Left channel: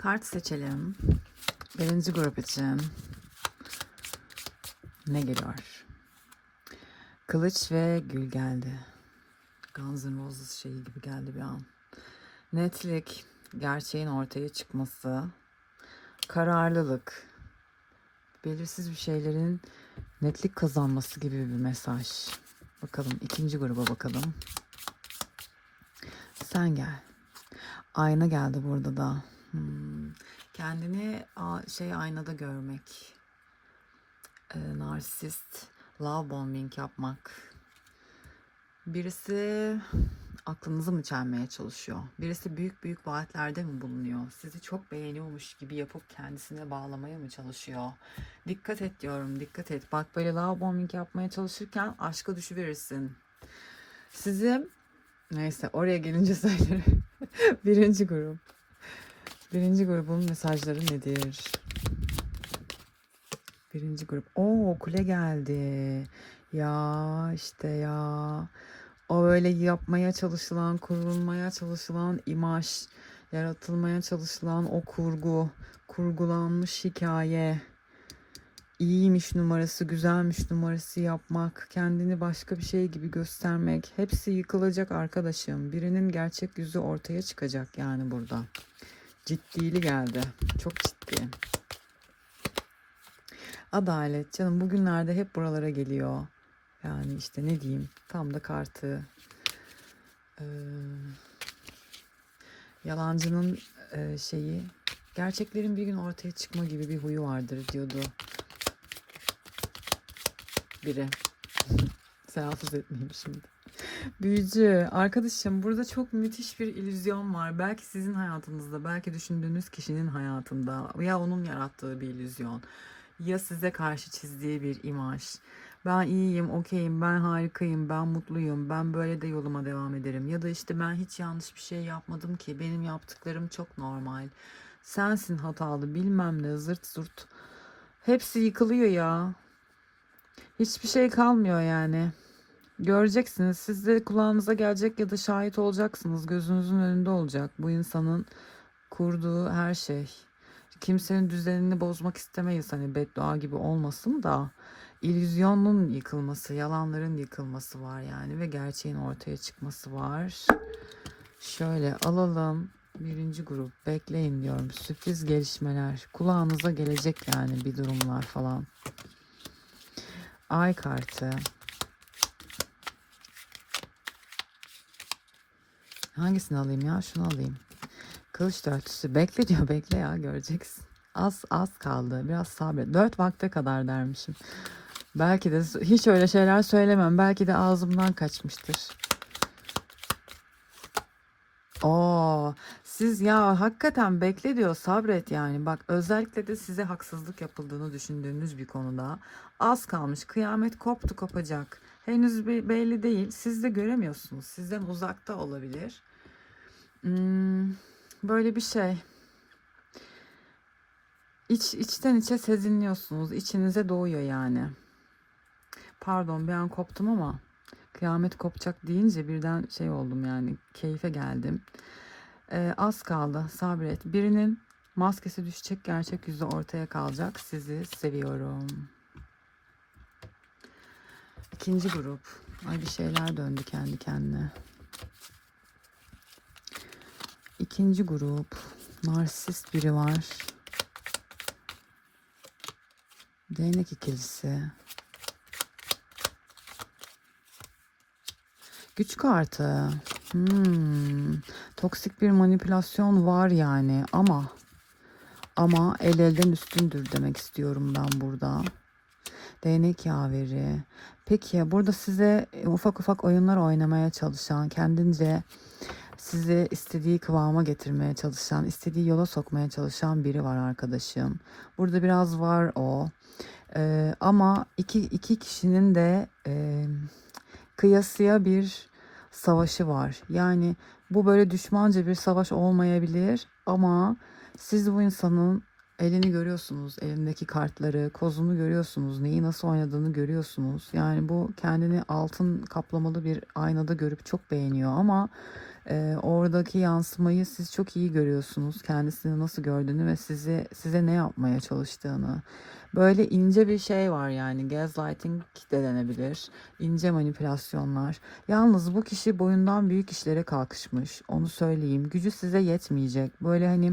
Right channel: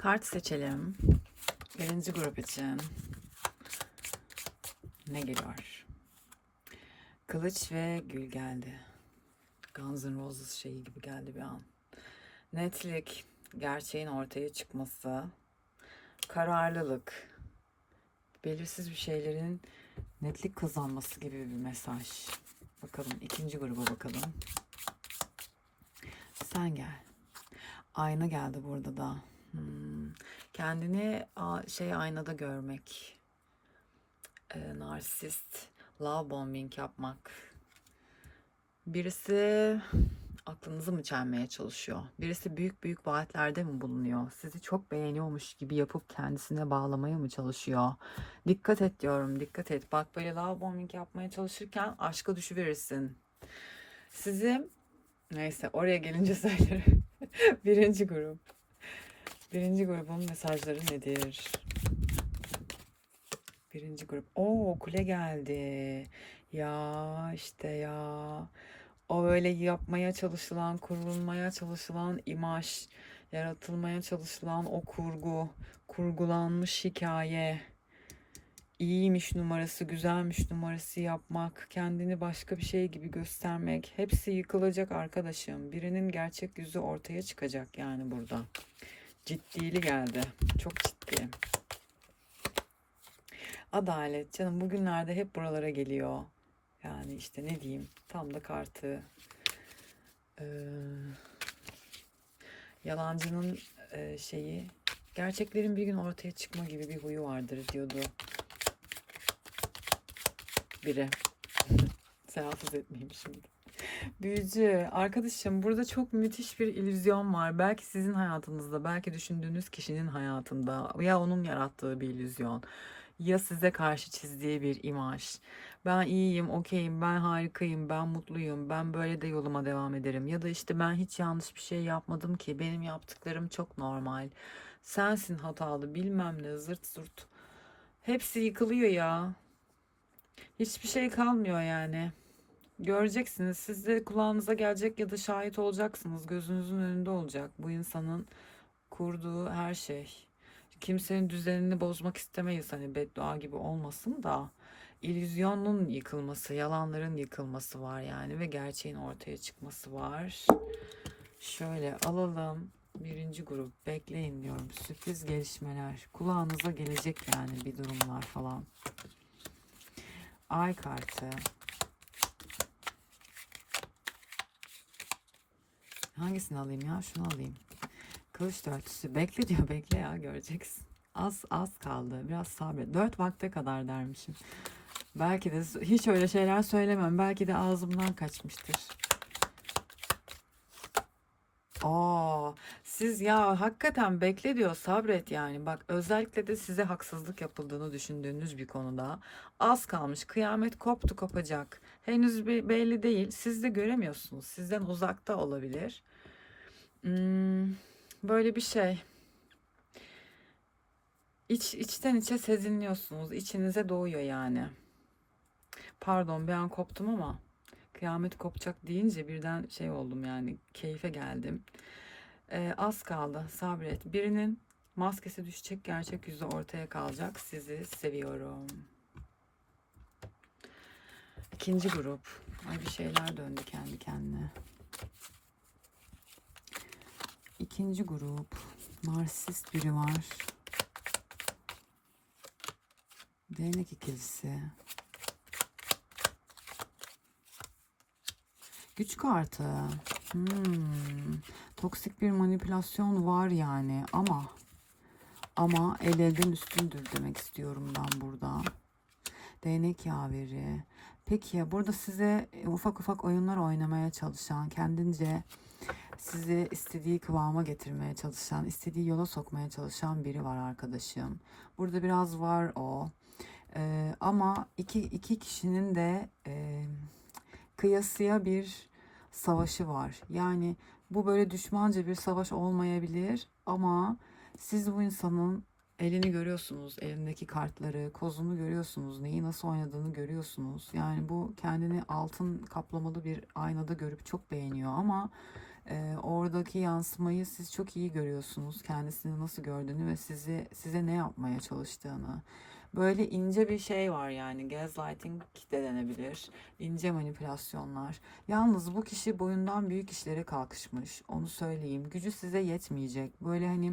Kart seçelim. Birinci grup için. Ne geliyor? Kılıç ve gül geldi. Guns N' Roses şeyi gibi geldi bir an. Netlik, gerçeğin ortaya çıkması, kararlılık, belirsiz bir şeylerin netlik kazanması gibi bir mesaj. Bakalım ikinci gruba bakalım. Sen gel. Ayna geldi burada da. Hmm. Kendini şey aynada görmek. Ee, narsist, love bombing yapmak. Birisi aklınızı mı çelmeye çalışıyor? Birisi büyük büyük vaatlerde mi bulunuyor? Sizi çok beğeniyormuş gibi yapıp kendisine bağlamaya mı çalışıyor? Dikkat et diyorum, dikkat et. Bak böyle love bombing yapmaya çalışırken aşka düşüverirsin. Sizi neyse oraya gelince söylerim. Birinci grup. Birinci grubun mesajları nedir? Birinci grup. Oo kule geldi. Ya işte ya. O böyle yapmaya çalışılan, kurulmaya çalışılan imaj, yaratılmaya çalışılan o kurgu, kurgulanmış hikaye, iyiymiş numarası, güzelmiş numarası yapmak, kendini başka bir şey gibi göstermek, hepsi yıkılacak arkadaşım. Birinin gerçek yüzü ortaya çıkacak yani burada. Ciddili geldi. Çok ciddi. Adalet canım bugünlerde hep buralara geliyor. Yani işte ne diyeyim tam da kartı. Ee, yalancının e, şeyi gerçeklerin bir gün ortaya çıkma gibi bir huyu vardır diyordu biri. Telaffuz etmeyeyim şimdi. Büyücü arkadaşım burada çok müthiş bir illüzyon var. Belki sizin hayatınızda, belki düşündüğünüz kişinin hayatında ya onun yarattığı bir illüzyon ya size karşı çizdiği bir imaj. Ben iyiyim, okeyim, ben harikayım, ben mutluyum, ben böyle de yoluma devam ederim. Ya da işte ben hiç yanlış bir şey yapmadım ki, benim yaptıklarım çok normal. Sensin hatalı, bilmem ne, zırt zırt. Hepsi yıkılıyor ya. Hiçbir şey kalmıyor yani. Göreceksiniz. Siz de kulağınıza gelecek ya da şahit olacaksınız. Gözünüzün önünde olacak bu insanın kurduğu her şey. Kimsenin düzenini bozmak istemeyiz hani beddua gibi olmasın da illüzyonun yıkılması, yalanların yıkılması var yani ve gerçeğin ortaya çıkması var. Şöyle alalım. Birinci grup bekleyin diyorum. Sürpriz gelişmeler. Kulağınıza gelecek yani bir durumlar falan. Ay kartı. Hangisini alayım ya? Şunu alayım. Kılıç dörtlüsü. Bekle diyor. Bekle ya. Göreceksin. Az az kaldı. Biraz sabret. Dört vakte kadar dermişim. Belki de hiç öyle şeyler söylemem. Belki de ağzımdan kaçmıştır. Oo, siz ya hakikaten bekle diyor sabret yani. Bak özellikle de size haksızlık yapıldığını düşündüğünüz bir konuda az kalmış kıyamet koptu kopacak. Henüz belli değil. Siz de göremiyorsunuz. Sizden uzakta olabilir. Hmm, böyle bir şey. İç, içten içe sezinliyorsunuz. İçinize doğuyor yani. Pardon bir an koptum ama kıyamet kopacak deyince birden şey oldum yani keyfe geldim. Ee, az kaldı sabret. Birinin maskesi düşecek gerçek yüzü ortaya kalacak. Sizi seviyorum. İkinci grup. Ay bir şeyler döndü kendi kendine. İkinci grup. Narsist biri var. Değnek ikilisi. Güç kartı. Hmm. Toksik bir manipülasyon var yani ama ama el elden üstündür demek istiyorum ben burada. Değnek yaveri. Peki burada size ufak ufak oyunlar oynamaya çalışan, kendince sizi istediği kıvama getirmeye çalışan, istediği yola sokmaya çalışan biri var arkadaşım. Burada biraz var o. Ee, ama iki, iki kişinin de e, kıyasıya bir savaşı var. Yani bu böyle düşmanca bir savaş olmayabilir ama siz bu insanın elini görüyorsunuz, elindeki kartları, kozunu görüyorsunuz, neyi nasıl oynadığını görüyorsunuz. Yani bu kendini altın kaplamalı bir aynada görüp çok beğeniyor ama Ee, oradaki yansımayı siz çok iyi görüyorsunuz. Kendisini nasıl gördüğünü ve sizi size ne yapmaya çalıştığını. Böyle ince bir şey var yani gaslighting de denebilir. İnce manipülasyonlar. Yalnız bu kişi boyundan büyük işlere kalkışmış. Onu söyleyeyim. Gücü size yetmeyecek. Böyle hani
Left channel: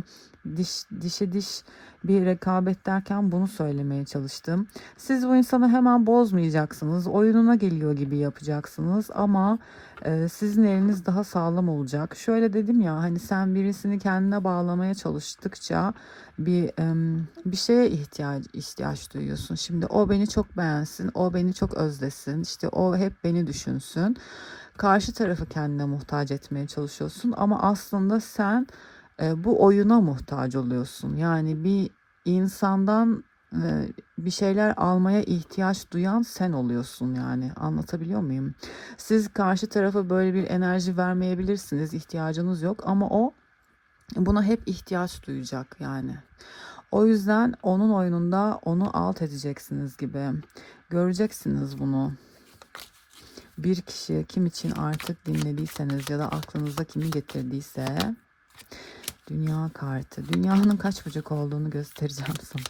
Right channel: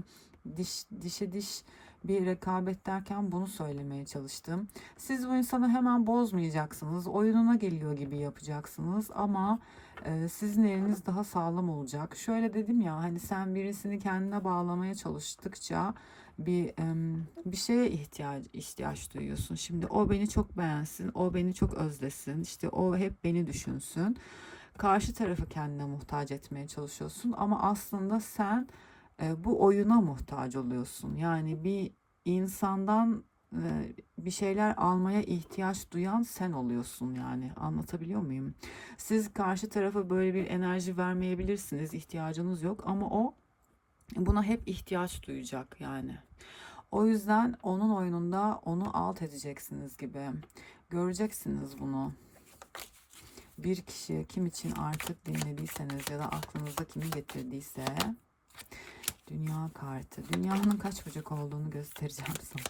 diş dişe diş bir rekabet derken bunu söylemeye çalıştım. Siz bu insanı hemen bozmayacaksınız. Oyununa geliyor gibi yapacaksınız ama e, sizin eliniz daha sağlam olacak. Şöyle dedim ya hani sen birisini kendine bağlamaya çalıştıkça bir em, bir şeye ihtiyaç ihtiyaç duyuyorsun. Şimdi o beni çok beğensin, o beni çok özlesin. İşte o hep beni düşünsün. Karşı tarafı kendine muhtaç etmeye çalışıyorsun ama aslında sen bu oyuna muhtaç oluyorsun. Yani bir insandan bir şeyler almaya ihtiyaç duyan sen oluyorsun yani. Anlatabiliyor muyum? Siz karşı tarafa böyle bir enerji vermeyebilirsiniz. ihtiyacınız yok ama o buna hep ihtiyaç duyacak yani. O yüzden onun oyununda onu alt edeceksiniz gibi. Göreceksiniz bunu. Bir kişi kim için artık dinlediyseniz ya da aklınıza kimi getirdiyse Dünya kartı. Dünyanın kaç bucak olduğunu göstereceğim sana.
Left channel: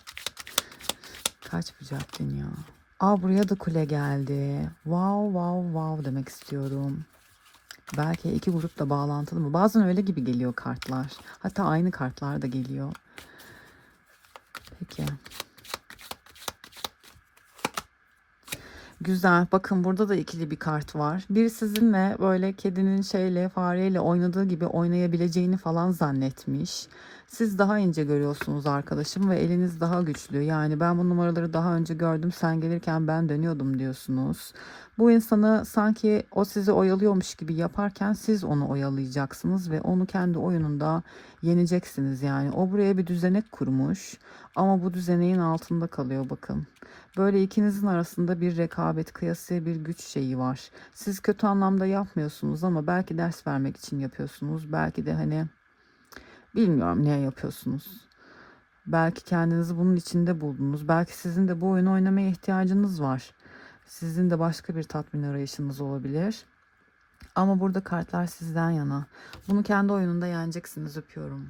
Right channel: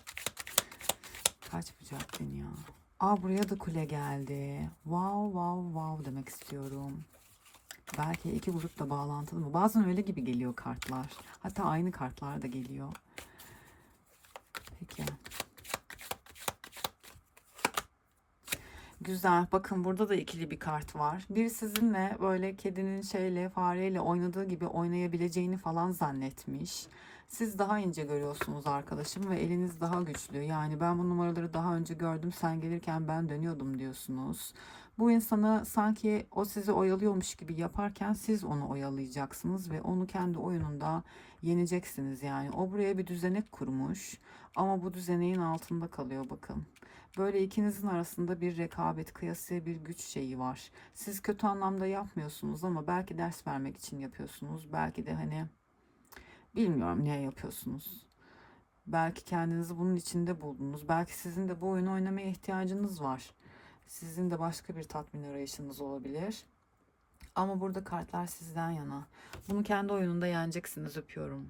Kaç bucak dünya? Aa buraya da kule geldi. Wow wow wow demek istiyorum. Belki iki grupla bağlantılı mı? Bazen öyle gibi geliyor kartlar. Hatta aynı kartlar da geliyor. Peki. Güzel. Bakın burada da ikili bir kart var. Bir sizinle böyle kedinin şeyle fareyle oynadığı gibi oynayabileceğini falan zannetmiş. Siz daha ince görüyorsunuz arkadaşım ve eliniz daha güçlü. Yani ben bu numaraları daha önce gördüm. Sen gelirken ben dönüyordum diyorsunuz. Bu insanı sanki o sizi oyalıyormuş gibi yaparken siz onu oyalayacaksınız ve onu kendi oyununda yeneceksiniz yani. O buraya bir düzenek kurmuş ama bu düzeneğin altında kalıyor bakın. Böyle ikinizin arasında bir rekabet, kıyasıya bir güç şeyi var. Siz kötü anlamda yapmıyorsunuz ama belki ders vermek için yapıyorsunuz. Belki de hani bilmiyorum niye yapıyorsunuz. Belki kendinizi bunun içinde buldunuz. Belki sizin de bu oyunu oynamaya ihtiyacınız var. Sizin de başka bir tatmin arayışınız olabilir. Ama burada kartlar sizden yana. Bunu kendi oyununda yeneceksiniz öpüyorum.